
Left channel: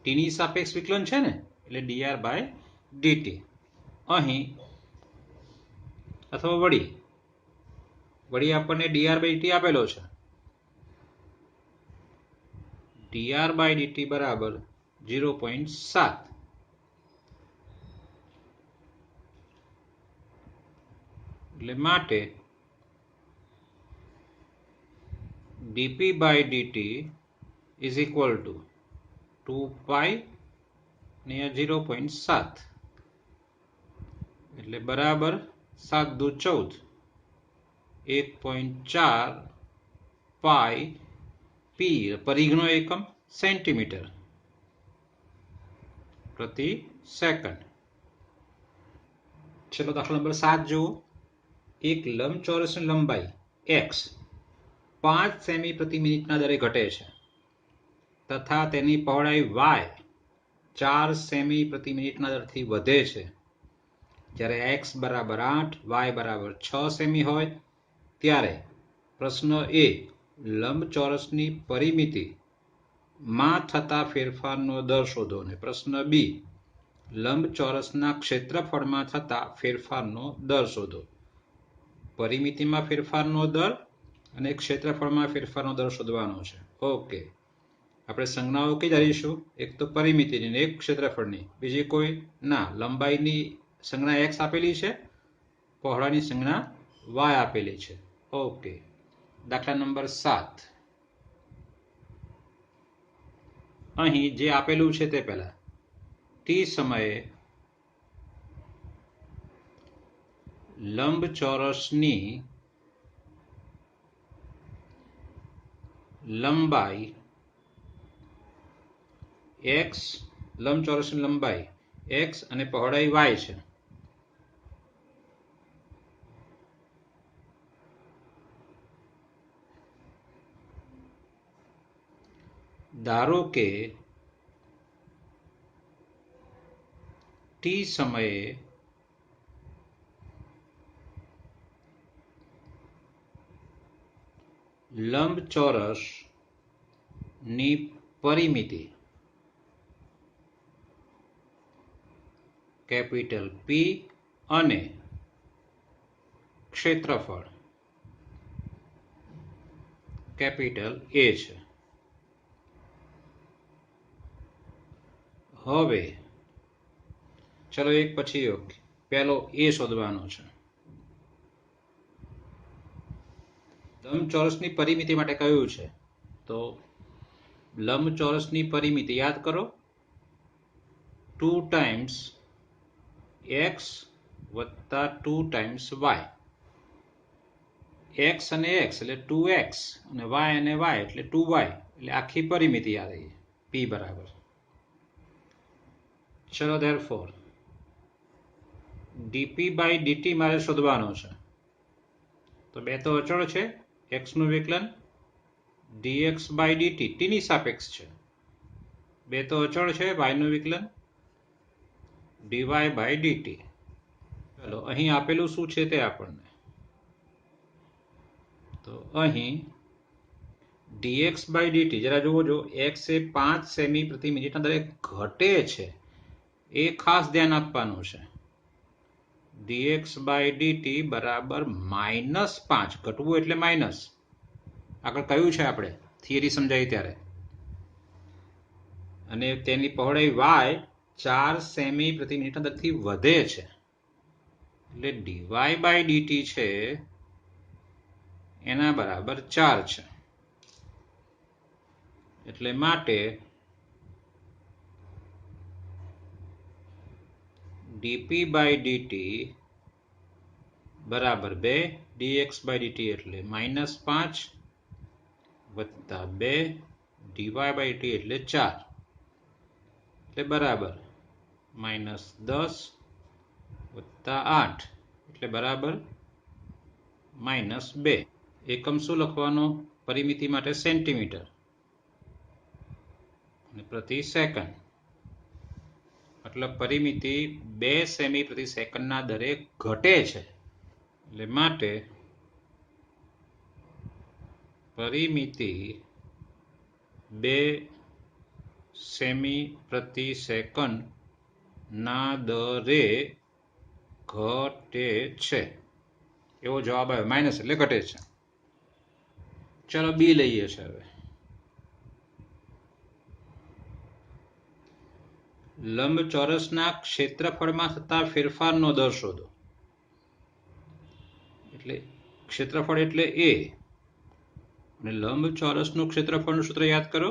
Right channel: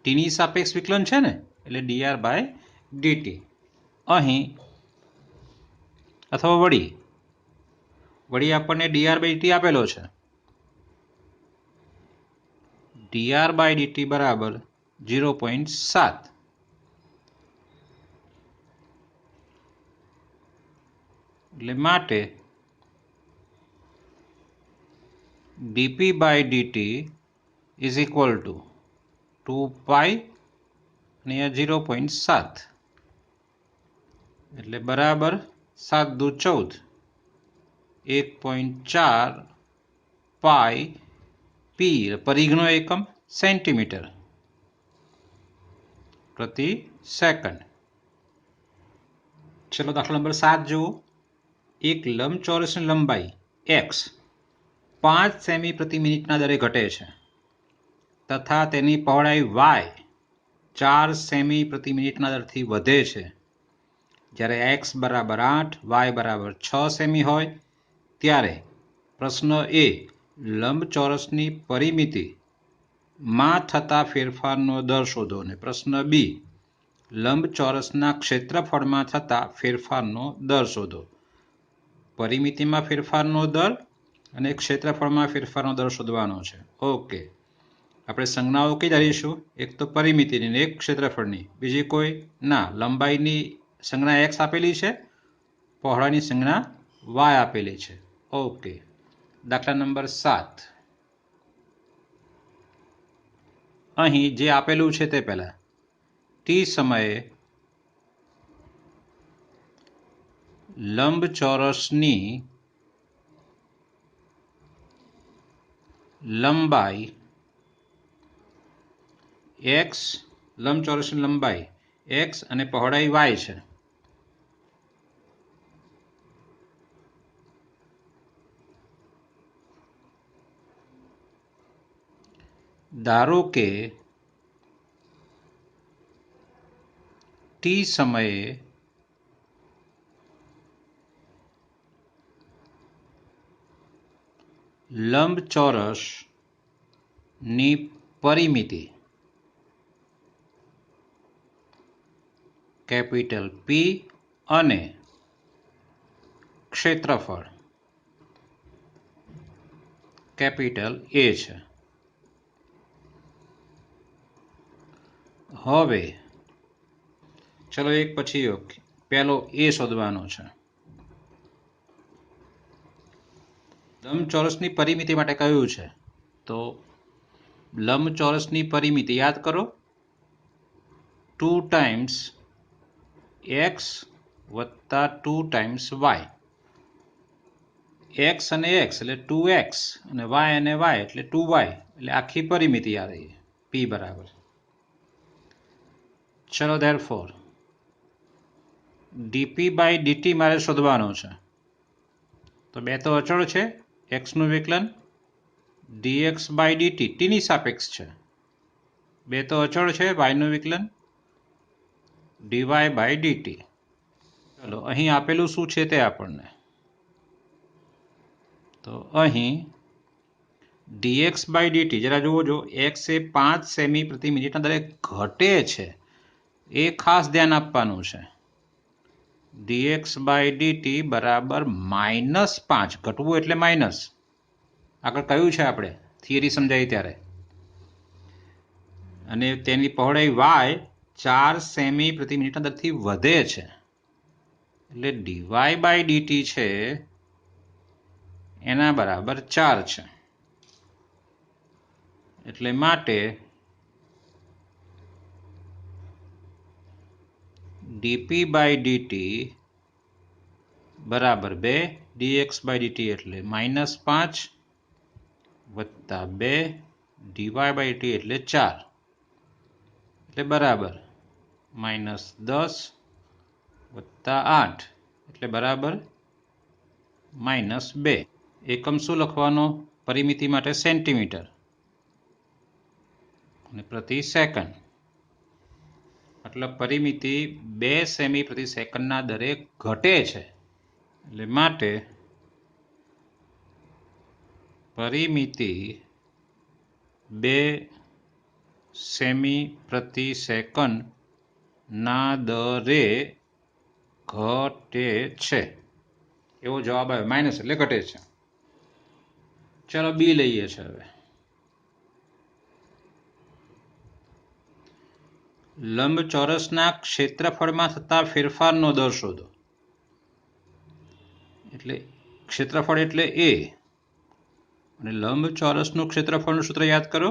t ની સાપેક્ષ વિકલન છે ને, એટલે dr by dt. અહીં અથવા વળી આપણને dr by dt આપેલો છે. dr by dt બરાબર 0.7. એટલે માટે dp by dt is equal to 2π અને 0.7, એટલે બરાબર 7 દુ 14, 1.4 પાઈ પી. પરિઘનો એકમ સેન્ટીમીટર પ્રતિ સેકન્ડ. ચલો દાખલા નંબર 7 જુઓ. એક લંબચોરસની લંબાઈ x 5 સેમી પ્રતિ મિનિટના દરે ઘટે છે, તથા તેની પહોળાઈ y 4 સેમી પ્રતિ મિનિટના દરથી વધે છે. જ્યારે x બરાબર 8, y બરાબર 6 સેમી હોય ત્યારે પ્રશ્ન એ લંબચોરસની પરિમિતિમાં થતા ફેરફારનો દર શોધો, અને પ્રશ્ન બી લંબચોરસના ક્ષેત્રફળમાં થતા ફેરફારનો દર શોધો. પરિમિતિમાં ફેરફારનો દર અને ક્ષેત્રફળમાં ફેરફારનો દર શોધવાનો છે. ઓકે, આપણે સંજ્ઞાઓ કઈ ધારીશું? એક તો પરિમિતિની ને એક ક્ષેત્રફળની. બીજી કોઈ ના. લંબાઈની સંજ્ઞા x આપેલી છે, પહોળાઈની સંજ્ઞા y આપેલી છે. ઓકે, દાખલા નંબર 7. અહીં જે આપેલું છે તે પહેલા t સમયે લંબચોરસની લંબાઈ x, લંબચોરસની લંબાઈ x અને પહોળાઈ y છે. ધારો કે t સમયે લંબચોરસની પરિમિતિ કેપિટલ P અને ક્ષેત્રફળ કેપિટલ A છે. હવે ચલો એક પછી એક. પહેલો A શોધવાનો છે. લંબચોરસની પરિમિતિ માટે કયું છે? તો લંબચોરસની પરિમિતિ યાદ કરો, 2 ટાઈમ્સ x વત્તા 2 ટાઈમ્સ y. x અને x એટલે 2x અને y અને y એટલે 2y, એટલે આખી પરિમિતિ આ રહી p બરાબર. ચલો therefore dp બાય dt મારે શોધવાનો છે. તો બે તો અચળ છે, x નું વિકલન, dx બાય dt t ની સાપેક્ષ છે. બે તો અચળ છે, y નું વિકલન, dy બાય dt. ચલો અહીં આપેલું શું છે તે આપણને. તો અહીં dx બાય dt જરા જુઓ જો, x એ 5 સેમી પ્રતિ મિનિટના દરે ઘટે છે, એ ખાસ ધ્યાન આપવાનું છે. dx બાય dt બરાબર -5. ઘટવું એટલે માઇનસ. આગળ કયું છે આપણે થિયરી સમજાવી ત્યારે. અને તેની પહોળાઈ y 4 સેમી પ્રતિ મિનિટના દરથી વધે છે, એટલે dy બાય dt છે એના બરાબર 4 છે. એટલે માટે dp બાય dt બરાબર 2, dx બાય dt એટલે -5 વત્તા 2, dy બાય dt એટલે 4, એટલે બરાબર -10 વત્તા 8 એટલે બરાબર -2. એકમ શું લખવાનો? પરિમિતિ માટે સેન્ટીમીટર અને પ્રતિ સેકન્ડ. મતલબ પરિમિતિ 2 સેમી પ્રતિ સેકન્ડના દરે ઘટે છે, એટલે માટે પરિમિતિ 2 સેમી પ્રતિ સેકન્ડના દરે ઘટે છે, એવો જવાબ આવ્યો. માઇનસ એટલે ઘટે છે. ચલો બી લઈએ છે. હવે લંબચોરસના ક્ષેત્રફળમાં થતા ફેરફારનો દર શોધો. એટલે ક્ષેત્રફળ એટલે a અને લંબચોરસનું ક્ષેત્રફળનું સૂત્ર યાદ કરો,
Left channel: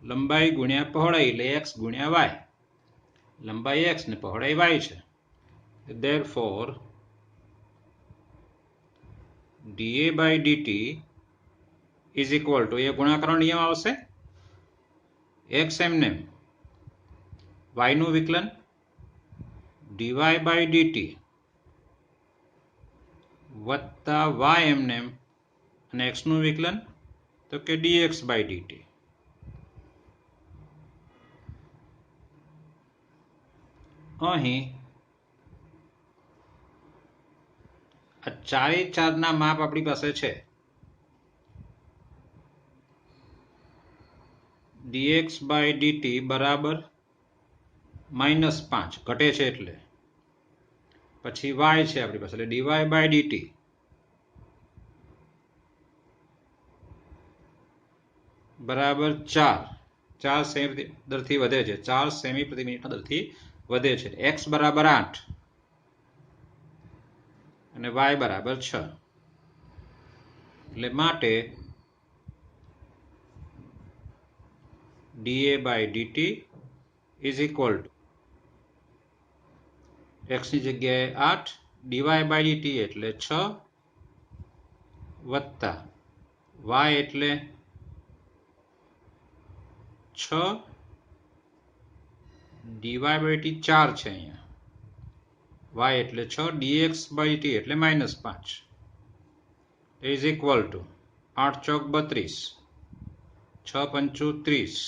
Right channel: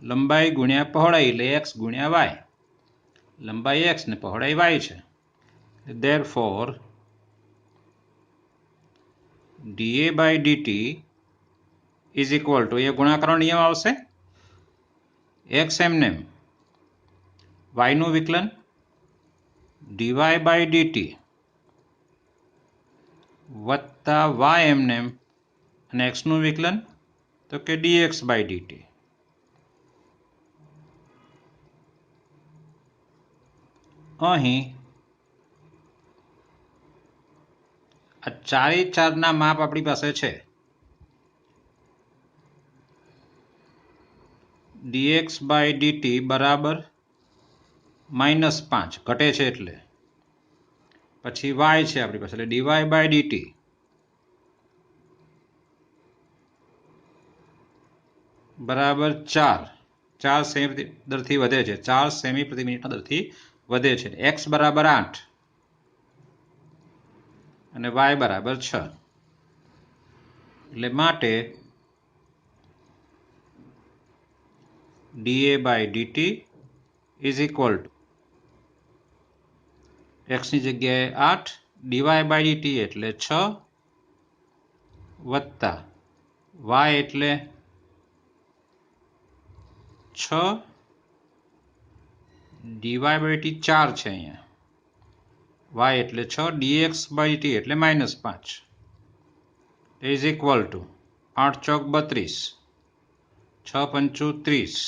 લંબાઈ ગુણ્યા પહોળાઈ એટલે x ગુણ્યા y. લંબાઈ x ને પહોળાઈ y છે. therefore dA by dt is equal to, એ ગુણાકારનો નિયમ આવશે, x એમનેમ, y નું વિકલન, dy by dt વત્તા y એમનેમ અને x નું વિકલન, તો કે dx by dt. અહીં આ ચારે ચારના માપ આપણી પાસે છે. dx by dt બરાબર -5 ઘટે છે એટલે પછી y છે આપણી પાસે એટલે dy/dt બરાબર 4 સેમી દરથી વધે છે 4 સેમી પ્રતિ મિનિટના દરથી વધે છે x બરાબર 8 અને y બરાબર 6 એટલે માટે da/dt is equal two x ની જગ્યાએ 8 dy/dt એટલે 6 વત્તા y એટલે 6 dy/dt 4 છે અહીંયા y એટલે 6 dx/dt એટલે -5 ઇઝ ઇક્વલ ટુ 8 ચોક 32 6 પંચું 30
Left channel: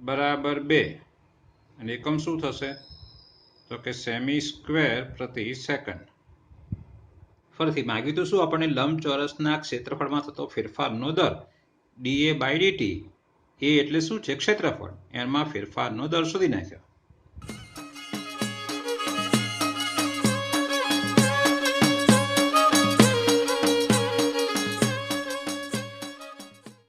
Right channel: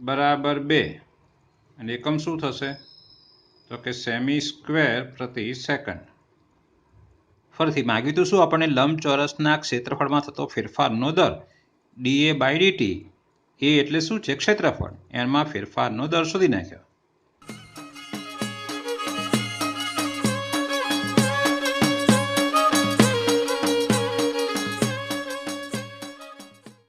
બરાબર 2 અને એકમ શું થશે તો કે સેમી સ્ક્વેર પ્રતિ સેકન્ડ ફરીથી માગ્યું હતું શું આપણને લંબચોરસના ક્ષેત્રફળમાં થતો ફેરફારનો દર da/dt એ એટલે શું છે ક્ષેત્રફળ એમાં ફેરફારનો દર શોધી નાખ્યો